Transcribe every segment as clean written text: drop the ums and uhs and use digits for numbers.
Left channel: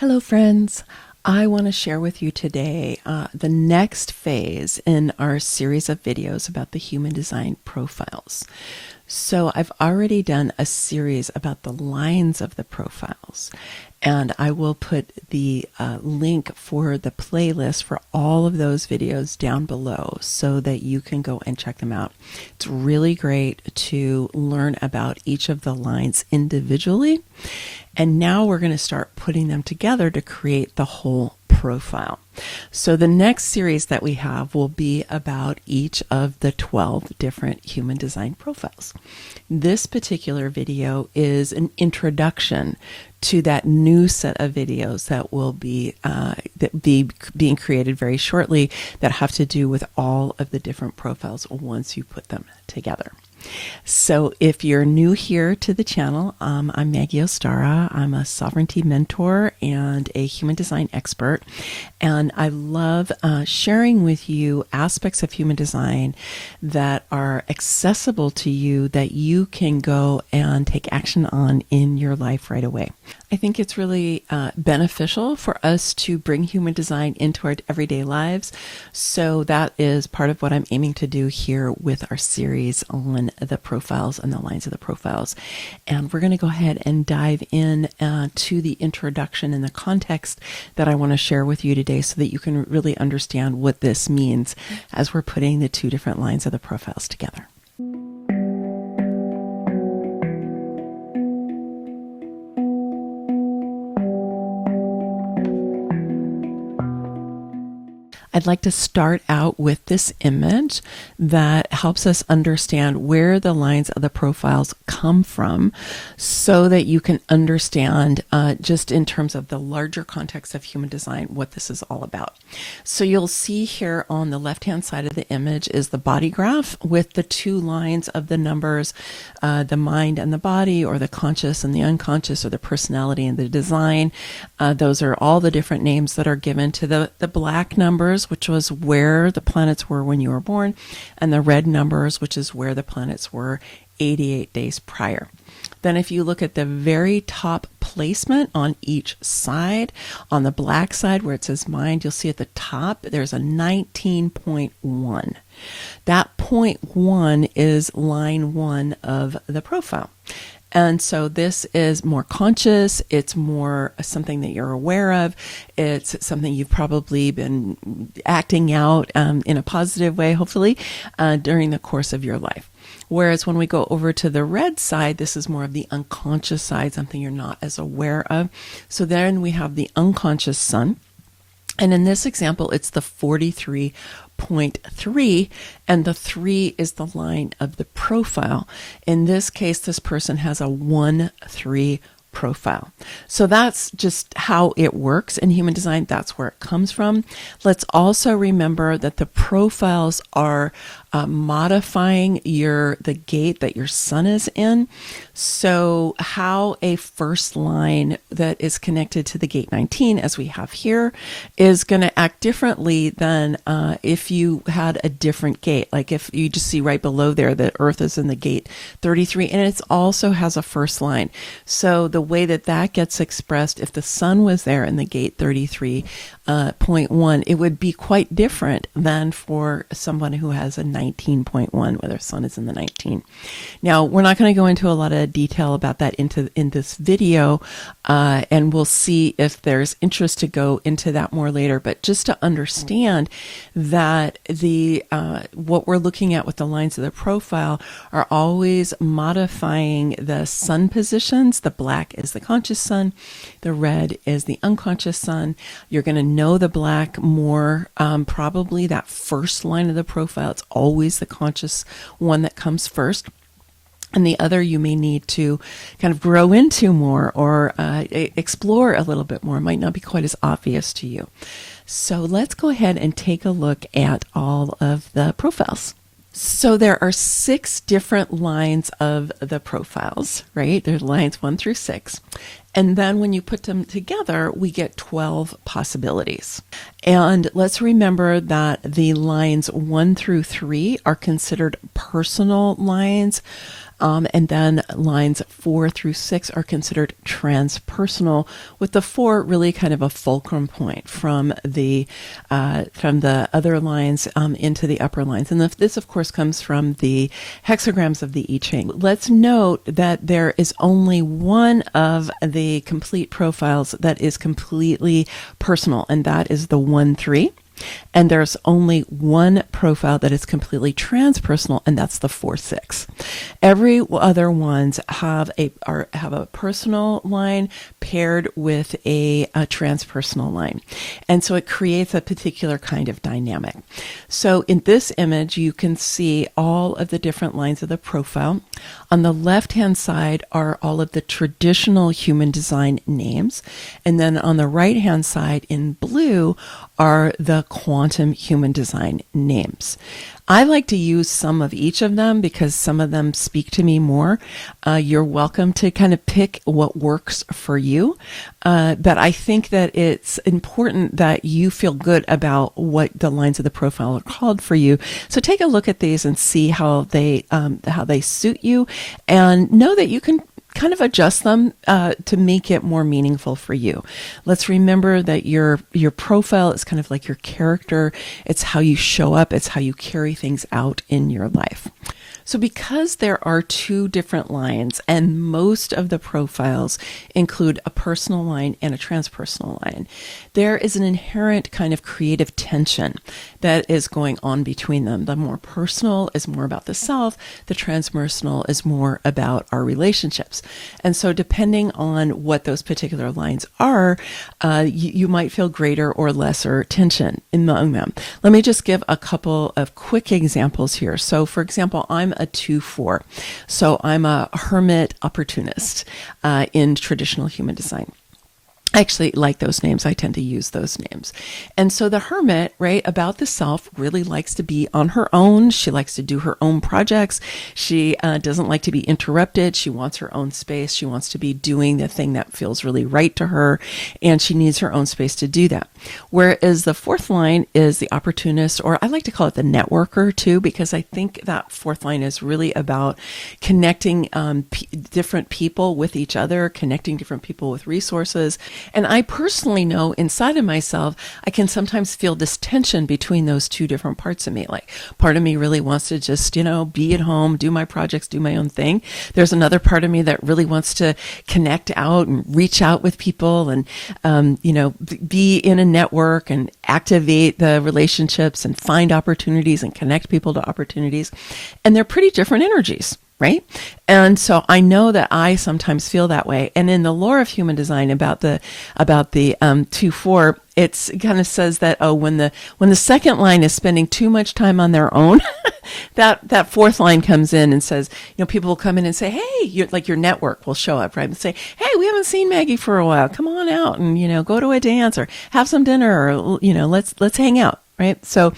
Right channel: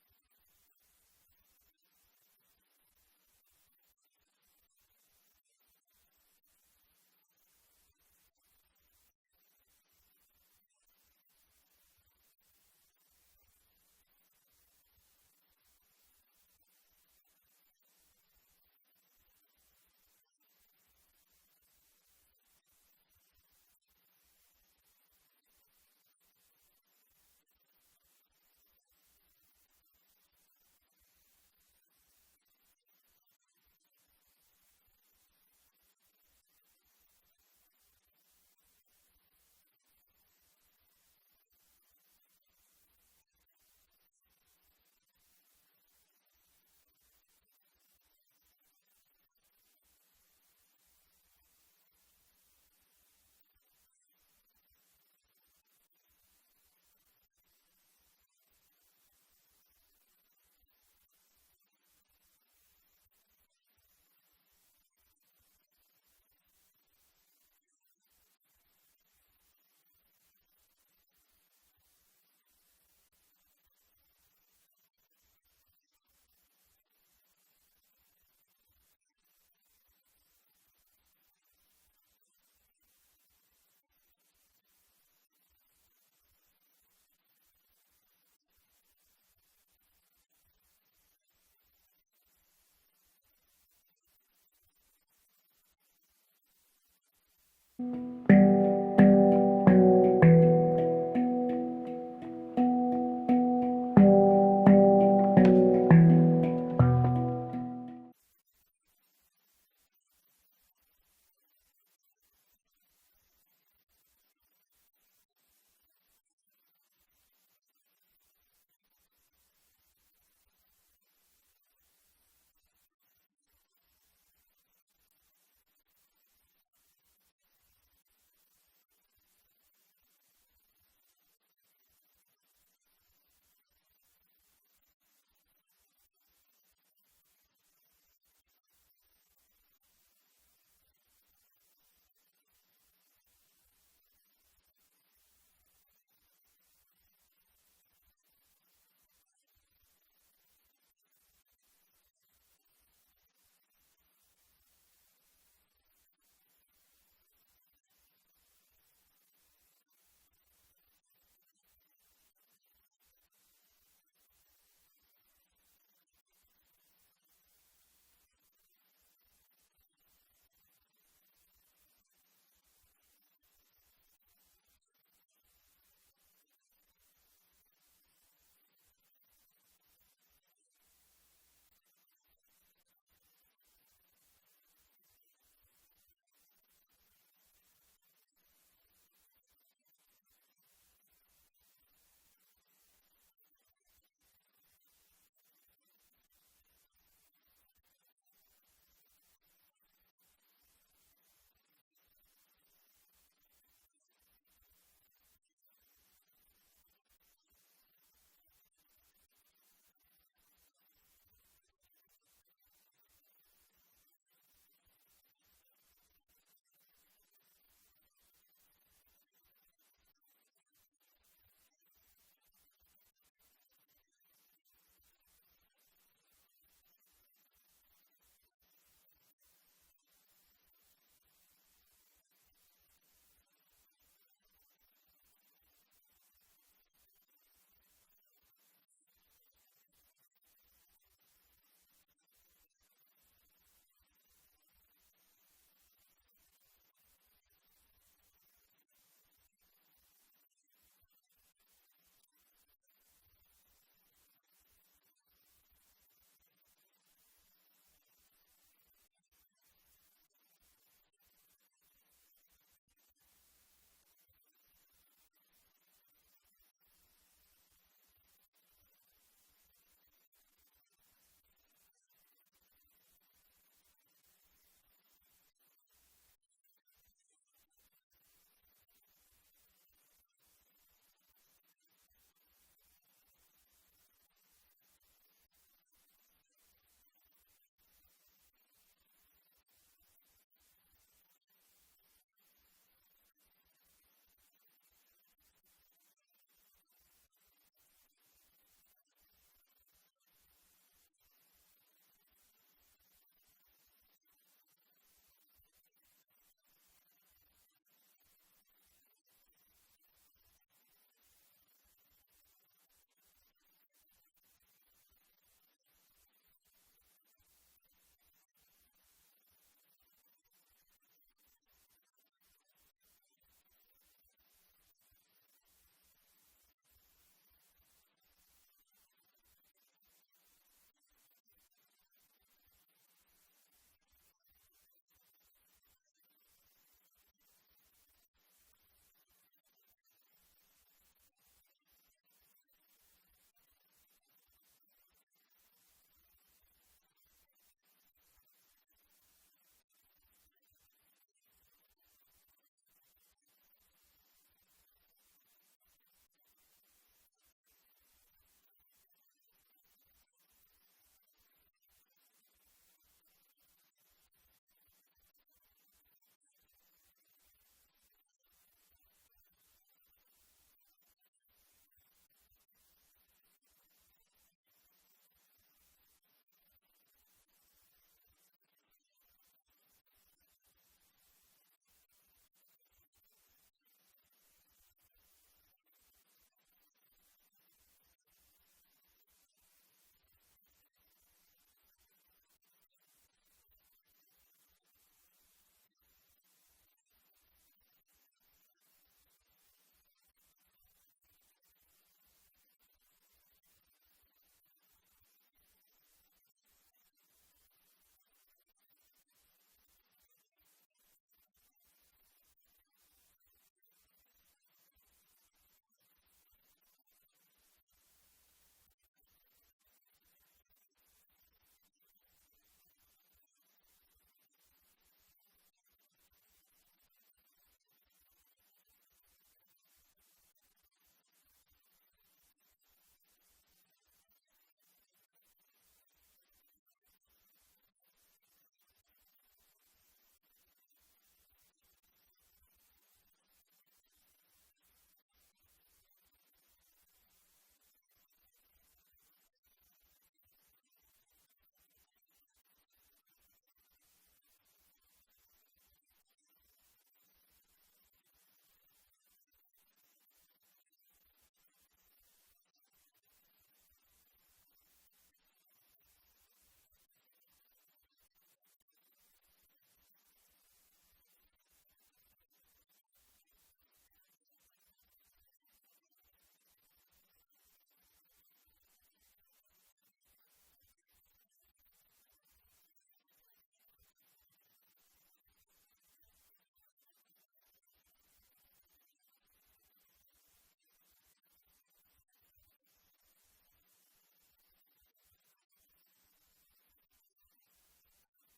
Hello, friends. I want to share with you today the next phase in our series of videos about the human design profiles. So I've already done a series about the lines of the profiles, and I will put the link for the playlist for all of those videos down below so that you can go and check them out. It's really great to learn about each of the lines individually. And now we're going to start putting them together to create the whole profile. So the next series that we have will be about each of the 12 different human design profiles. This particular video is an introduction to that new set of videos that will be being created very shortly that have to do with all of the different profiles once you put them together. So if you're new here to the channel, I'm Maggie Ostara. I'm a sovereignty mentor and a human design expert. And I love sharing with you aspects of human design that are accessible to you that you can go and take action on in your life right away. I think it's really beneficial for us to bring human design into our everyday lives. So that is part of what I'm aiming to do here with our series on the profiles and the lines of the profiles. And we're going to go ahead and dive in to the introduction and the context that I want to share with you today so that you can really understand what this means as we're putting the two different lines of the profiles together. I'd like to start out with this image that helps us understand where the lines of the profiles come from so that you can understand just in terms of the larger context of human design what this is all about. So you'll see here on the left-hand side of the image is the body graph with the two lines of the numbers, the mind and the body, or the conscious and the unconscious, or the personality and the design. Those are all the different names that are given to the black numbers, which was where the planets were when you were born, and the red numbers, which is where the planets were 88 days prior. Then if you look at the very top placement on each side, on the black side where it says mind, you'll see at the top there's a 19.1. That point 1 is line 1 of the profile. And so this is more conscious. It's more something that you're aware of. It's something you've probably been acting out in a positive way, hopefully, during the course of your life. Whereas when we go over to the red side, this is more of the unconscious side, something you're not as aware of. So then we have the unconscious sun. And in this example, it's the 43.3, and the 3 is the line of the profile. In this case, this person has a 1-3 profile. So that's just how it works in human design. That's where it comes from. Let's also remember that the profiles are modifying the gate that your sun is in. So how a first line that is connected to the gate 19, as we have here, is going to act differently than if you had a different gate. Like if you just see right below there that Earth is in the gate 33, and it also has a first line. So the way that that gets expressed, if the sun was there in the gate 33.1, it would be quite different than for someone who has a 19.1, where their sun is in the 19. Now, we're not going to go into a lot of detail about that in this video, and we'll see if there's interest to go into that more later. But just to understand that what we're looking at with the lines of the profile are always modifying the sun positions. The black is the conscious sun, the red is the unconscious sun. You're going to know the black more, probably that first line of the profile. It's always the conscious one that comes first. And the other you may need to kind of grow into more or explore a little bit more. It might not be quite as obvious to you. So let's go ahead and take a look at all of the profiles. So there are 6 different lines of the profiles, right? There's lines 1 through 6. And then when you put them together, we get 12 possibilities. And let's remember that the lines 1 through 3 are considered personal lines. And then lines 4 through 6 are considered transpersonal, with the 4 really kind of a fulcrum point from the other lines into the upper lines. And this, of course, comes from the hexagrams of the I Ching. Let's note that there is only one of the complete profiles that is completely personal, and that is the 1-3. And there's only one profile that is completely transpersonal, and that's the 4-6. Every other ones have a personal line paired with a transpersonal line. And so it creates a particular kind of dynamic. So in this image, you can see all of the different lines of the profile. On the left-hand side are all of the traditional human design names. And then on the right-hand side in blue are the quantum human design names. I like to use some of each of them because some of them speak to me more. You're welcome to kind of pick what works for you. But I think that it's important that you feel good about what the lines of the profile are called for you. So take a look at these and see how they suit you, and know that you can kind of adjust them to make it more meaningful for you. Let's remember that your profile is kind of like your character. It's how you show up. It's how you carry things out in your life. So because there are two different lines, and most of the profiles include a personal line and a transpersonal line, there is an inherent kind of creative tension that is going on between them. The more personal is more about the self. The transpersonal is more about our relationships. And so depending on what those particular lines are, you might feel greater or lesser tension among them. Let me just give a couple of quick examples here. So for example, I'm a 2-4. So I'm a hermit opportunist in traditional human design. I actually like those names. I tend to use those names. And so the hermit, right, about the self, really likes to be on her own. She likes to do her own projects. She doesn't like to be interrupted. She wants her own space. She wants to be doing the thing that feels really right to her, and she needs her own space to do that. Whereas the fourth line is the opportunist, or I like to call it the networker too, because I think that fourth line is really about connecting different people with each other, connecting different people with resources. And I personally know inside of myself, I can sometimes feel this tension between those two different parts of me. Like part of me really wants to just, be at home, do my projects, do my own thing. There's another part of me that really wants to connect out and reach out with people and, be in a network and activate the relationships and find opportunities and connect people to opportunities. And they're pretty different energies. Right? And so I know that I sometimes feel that way. And in the lore of human design about the 2-4, it kind of says that, when the second line is spending too much time on their own, that fourth line comes in and says, people will come in and say, hey, your network will show up, right? And say, hey, we haven't seen Maggie for a while. Come on out and, go to a dance or have some dinner or, let's hang out. Right. So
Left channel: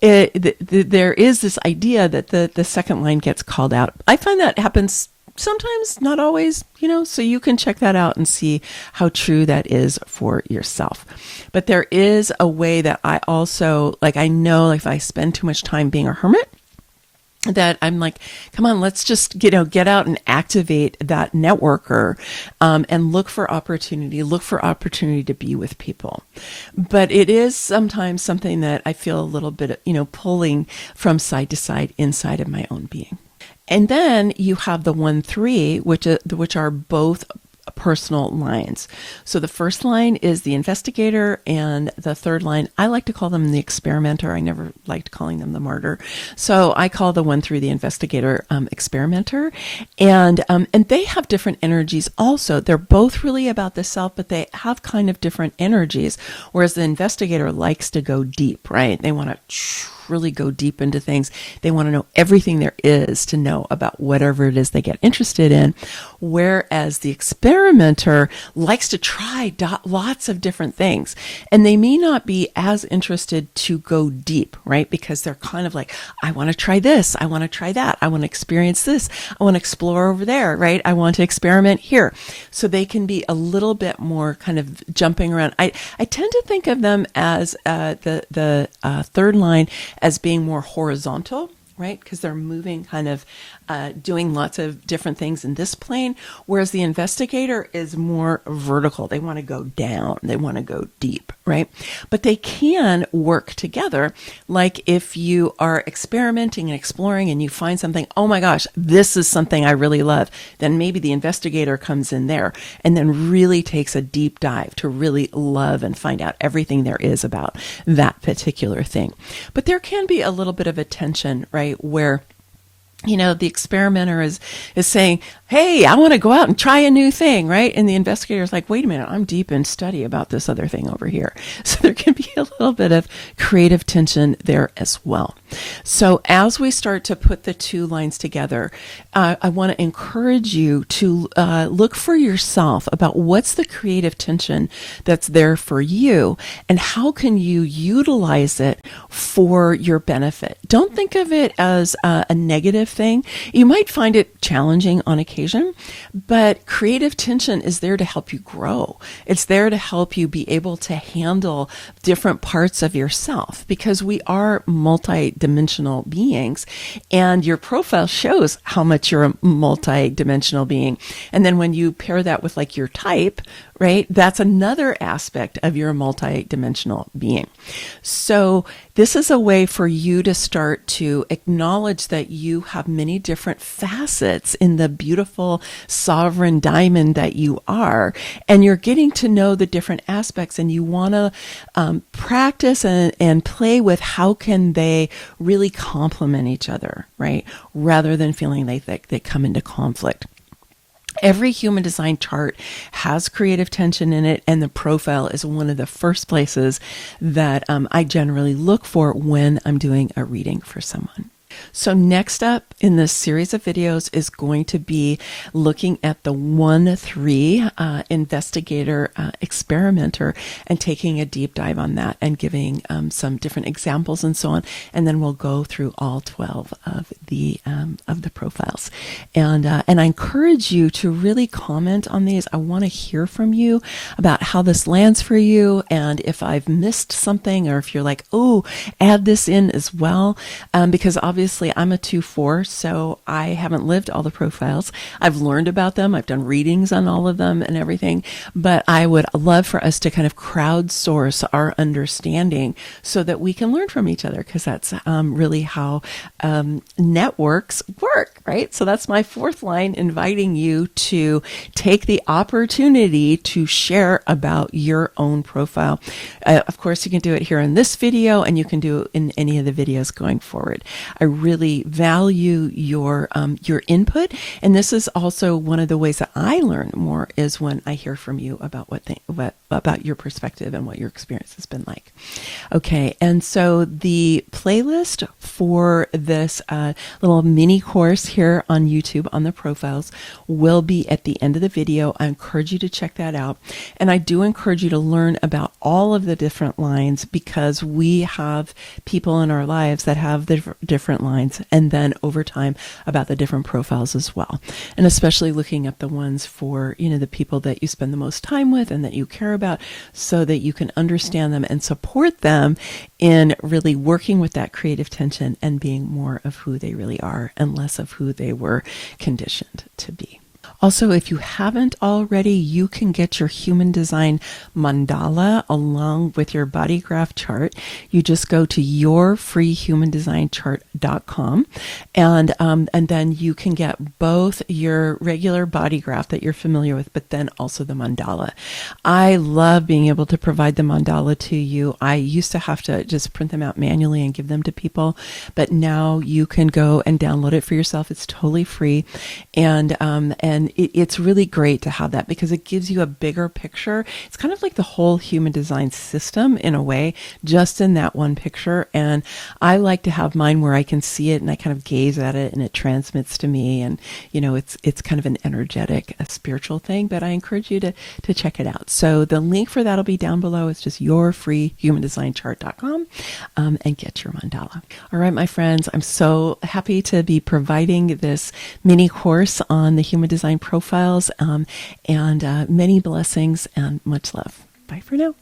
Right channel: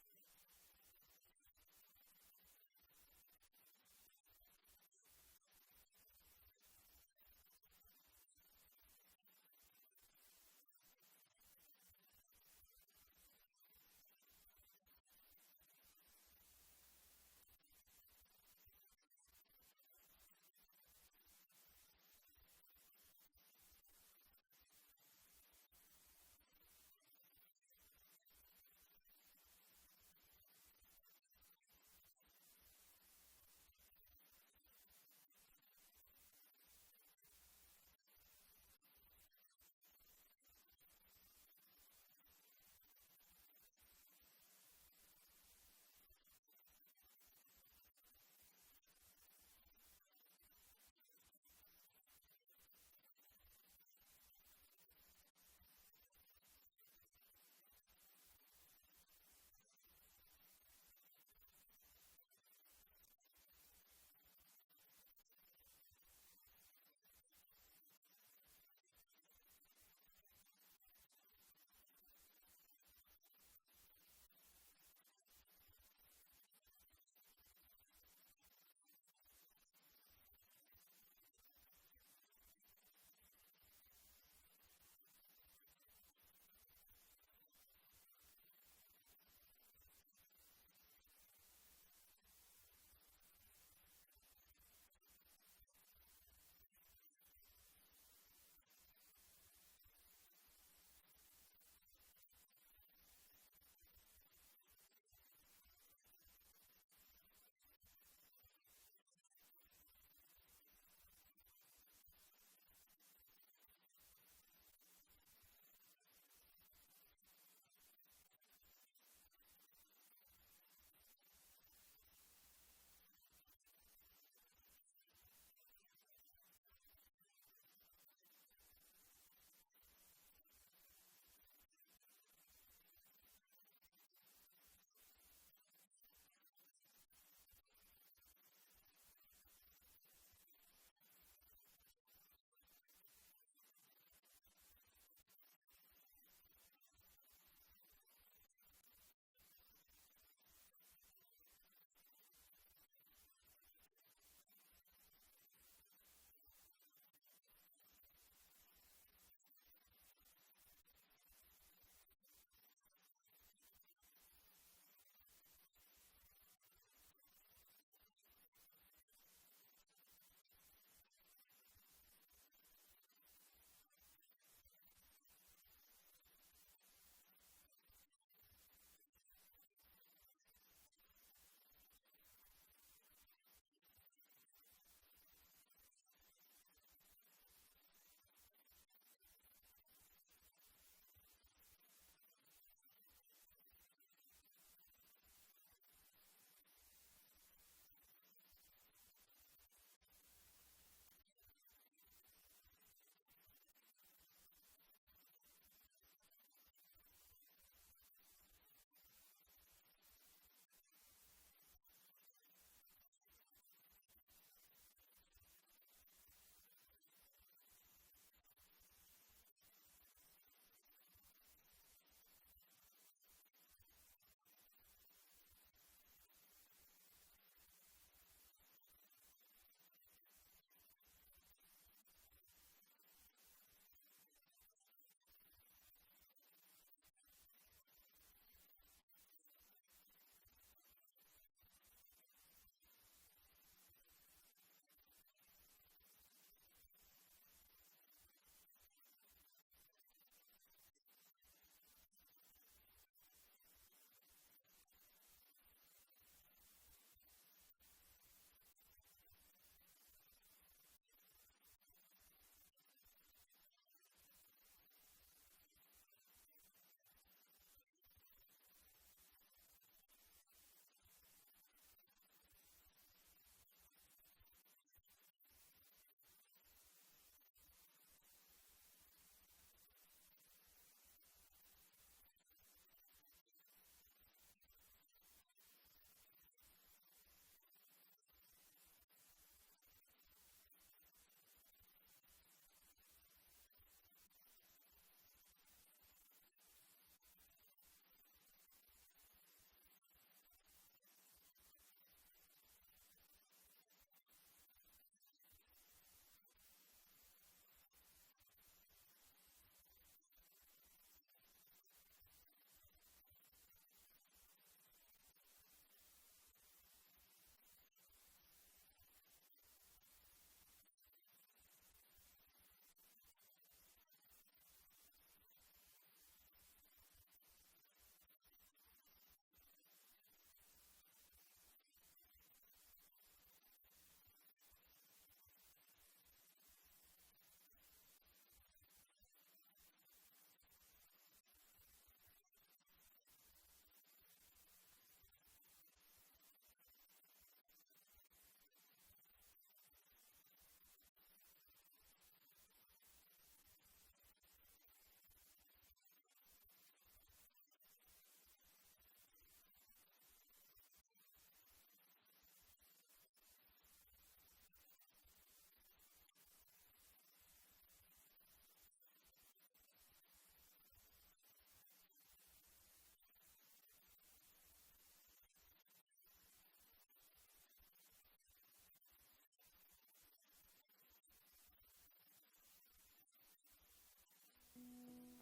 there is this idea that the second line gets called out. I find that happens sometimes, not always, so you can check that out and see how true that is for yourself. But there is a way that I also, I know if I spend too much time being a hermit, that I'm like, come on, let's just, get out and activate that networker, and look for opportunity to be with people. But it is sometimes something that I feel a little bit, pulling from side to side inside of my own being. And then you have the 1-3, which are both personal lines. So the first line is the investigator, and the third line, I like to call them the experimenter. I never liked calling them the martyr. So I call the 1-3 the investigator, experimenter. And they have different energies also. They're both really about the self, but they have kind of different energies. Whereas the investigator likes to go deep, right? They want to really go deep into things. They want to know everything there is to know about whatever it is they get interested in. Whereas the experimenter likes to try lots of different things. And they may not be as interested to go deep, right? Because they're kind of like, I want to try this. I want to try that. I want to experience this. I want to explore over there, right? I want to experiment here. So they can be a little bit more kind of jumping around. I tend to think of them as the third line as being more horizontal, right? Because they're moving, kind of doing lots of different things in this plane, whereas the investigator is more vertical. They want to go down, they want to go deep, right? But they can work together. Like if you are experimenting and exploring and you find something, oh my gosh, this is something I really love, then maybe the investigator comes in there and then really takes a deep dive to really love and find out everything there is about that particular thing. But there can be a little bit of a tension, right, where the experimenter is saying, hey, I want to go out and try a new thing, right? And the investigator is like, wait a minute, I'm deep in study about this other thing over here. So there can be a little bit of creative tension there as well. So as we start to put the two lines together, I want to encourage you to look for yourself about what's the creative tension that's there for you and how can you utilize it for your benefit. Don't think of it as a negative thing. You might find it challenging on occasion, but creative tension is there to help you grow. It's there to help you be able to handle different parts of yourself because we are multi-dimensional beings and your profile shows how much you're a multi-dimensional being. And then when you pair that with like your type, right? That's another aspect of your multi-dimensional being. So this is a way for you to start to acknowledge that you have many different facets in the beautiful sovereign diamond that you are. And you're getting to know the different aspects and you want to practice and play with how can they really complement each other, right? Rather than feeling like they come into conflict. Every human design chart has creative tension in it, and the profile is one of the first places that I generally look for when I'm doing a reading for someone. So next up in this series of videos is going to be looking at the 1-3 investigator experimenter and taking a deep dive on that and giving some different examples and so on. And then we'll go through all 12 of the profiles. And I encourage you to really comment on these. I want to hear from you about how this lands for you and if I've missed something or if you're like, oh, add this in as well, because obviously I'm a 2-4, so I haven't lived all the profiles. I've learned about them. I've done readings on all of them and everything, but I would love for us to kind of crowdsource our understanding so that we can learn from each other, because that's really how networks work, right? So that's my fourth line, inviting you to take the opportunity to share about your own profile. Of course, you can do it here in this video, and you can do it in any of the videos going forward. I really value your input, and this is also one of the ways that I learn more is when I hear from you about about your perspective and what your experience has been like. Okay, and so the playlist for this little mini course here on YouTube on the profiles will be at the end of the video. I encourage you to check that out, and I do encourage you to learn about all of the different lines because we have people in our lives that have the different lines, and then over time about the different profiles as well, and especially looking at the ones for the people that you spend the most time with and that you care about, so that you can understand them and support them in really working with that creative tension and being more of who they really are and less of who they were conditioned to be. Also, if you haven't already, you can get your Human Design Mandala along with your body graph chart. You just go to yourfreehumandesignchart.com and then you can get both your regular body graph that you're familiar with, but then also the mandala. I love being able to provide the mandala to you. I used to have to just print them out manually and give them to people, but now you can go and download it for yourself. It's totally free, and it's really great to have that because it gives you a bigger picture. It's kind of like the whole human design system in a way, just in that one picture. And I like to have mine where I can see it and I kind of gaze at it and it transmits to me. And, it's kind of an energetic, a spiritual thing, but I encourage you to check it out. So the link for that will be down below. It's just yourfreehumandesignchart.com and get your mandala. All right, my friends, I'm so happy to be providing this mini course on the human design profiles, and many blessings and much love. Bye for now.